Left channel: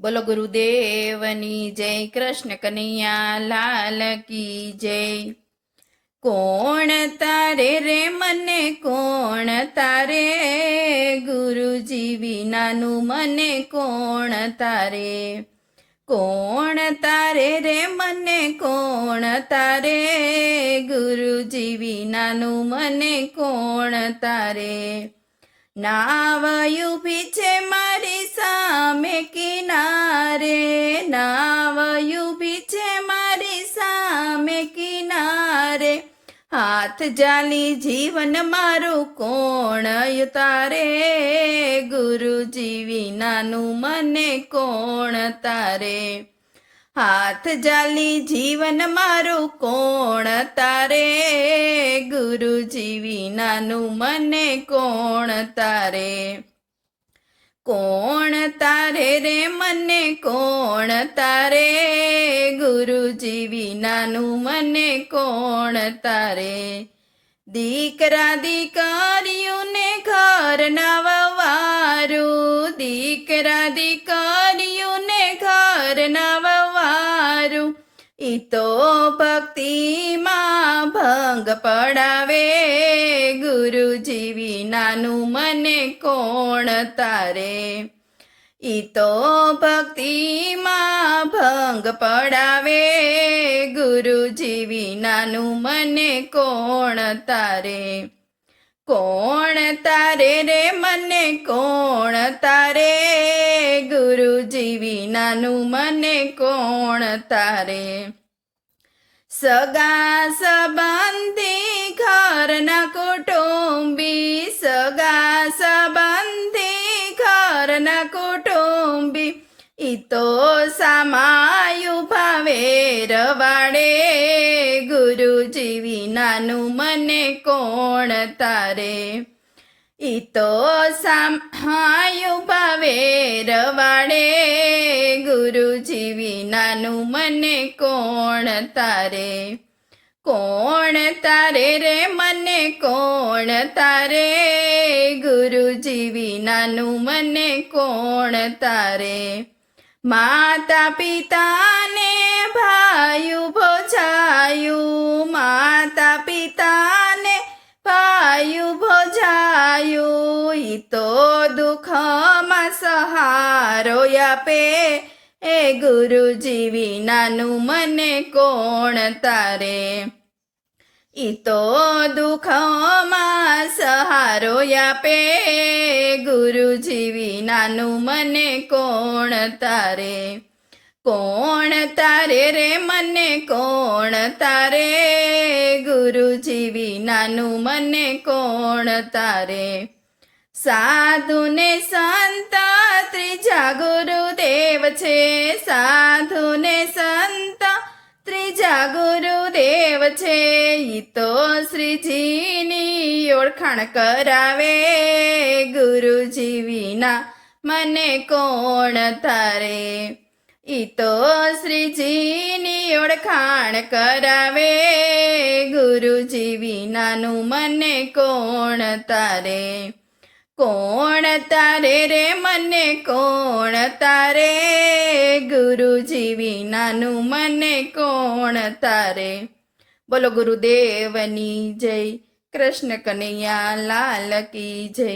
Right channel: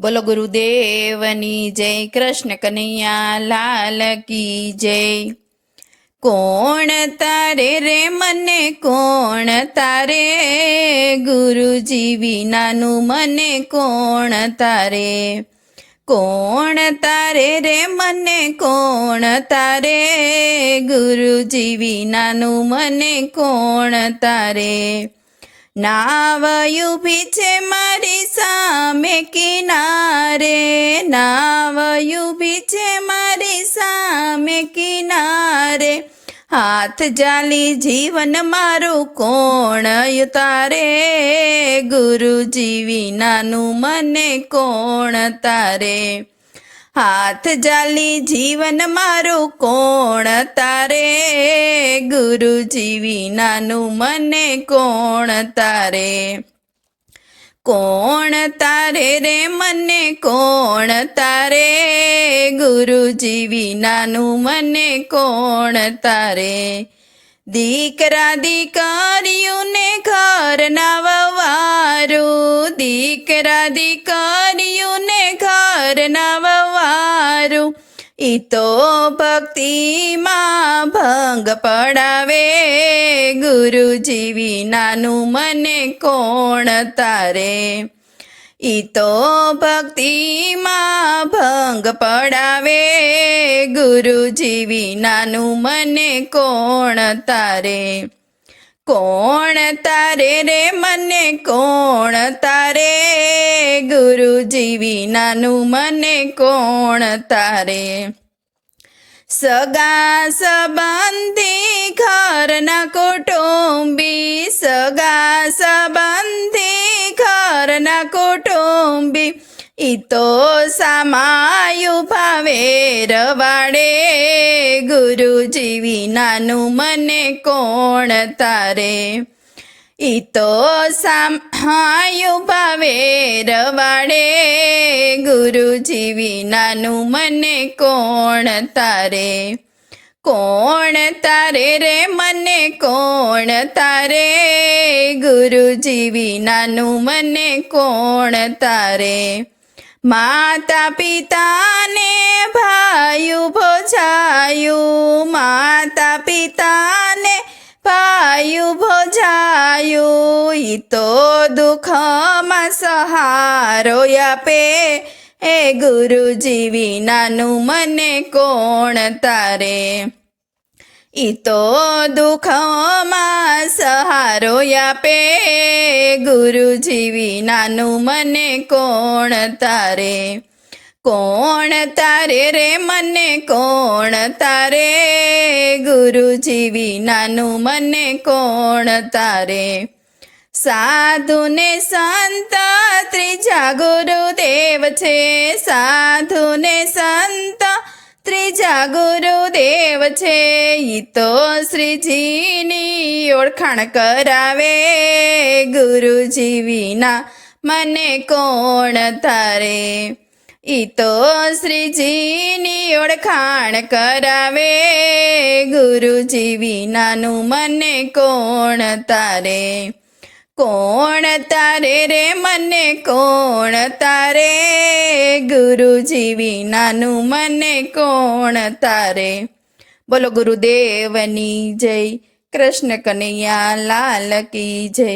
બોલો ગુરુદેવની જય, કૃષ્ણ કનૈયા લાલ કી જય। કોણ તારે રે મને કોણ તારે, ગુરુજી વિનાનું મને કોણ તારે। કોણ તારે રે મને કોણ તારે, ગુરુજી વિનાનું મને કોણ તારે। નાવ ઊભી છે મારી સામે કિનારે, નાવ ઊભી છે મારી સામે કિનારે, હાથ જાલી જીવન મારું કોણ તારે, ગુરુજી વિનાનું મને કોણ તારે। હાથ જાલી જીવન મારું કોણ તારે, ગુરુજી વિનાનું મને કોણ તારે। કોણ તારે રે મને કોણ તારે, ગુરુજી વિનાનું મને કોણ તારે। દીકરા દીકરીઓને ઘરના વવારું, દીકરા દીકરીઓને ઘરના વવારું, ઈ તો ભક્તિમાં ભંગ પડાવે, ગુરુજી વિનાનું મને કોણ તારે। ઈ તો ભક્તિમાં ભંગ પડાવે, ગુરુજી વિનાનું મને કોણ તારે। કોણ તારે રે મને કોણ તારે, ગુરુજી વિનાનું મને કોણ તારે। સગા સંબંધી ઘરના કુટુંબી, સગા સંબંધી ઘરના કુટુંબી, ઈ તો સામાયું ભાવે રવાડે, ગુરુજી વિનાનું મને કોણ તારે। ઈ તો સામાયું ભાવે રવાડે, ગુરુજી વિનાનું મને કોણ તારે। કોણ તારે રે મને કોણ તારે, ગુરુજી વિનાનું મને કોણ તારે। માતા પિતાને ભાયું ભોજાયું, માતા પિતાને ભાયું ભોજાયું, ઈ તો દુઃખમાં સહારો આપે, એ ગુરુજી વિનાનું મને કોણ તારે। ઈ તો દુઃખમાં સહારો આપે, ગુરુજી વિનાનું મને કોણ તારે। કોણ તારે રે મને કોણ તારે, ગુરુજી વિનાનું મને કોણ તારે। સાધુને સંત ત્રીજા ગુરુદેવ છે, સાધુને સંત ત્રીજા ગુરુદેવ છે, ઈ તો શ્રીજીની ઓળખાણ કરાવે, ગુરુજી વિના મને કોણ તારે। ઈ તો શ્રીજીની ઓળખાણ કરાવે, ગુરુજી વિનાનું મને કોણ તારે। કોણ તારે રે મને કોણ તારે, ગુરુજી વિનાનું મને કોણ તારે। બોલો ગુરુદેવની જય, કૃષ્ણ કનૈયા લાલ કી જય।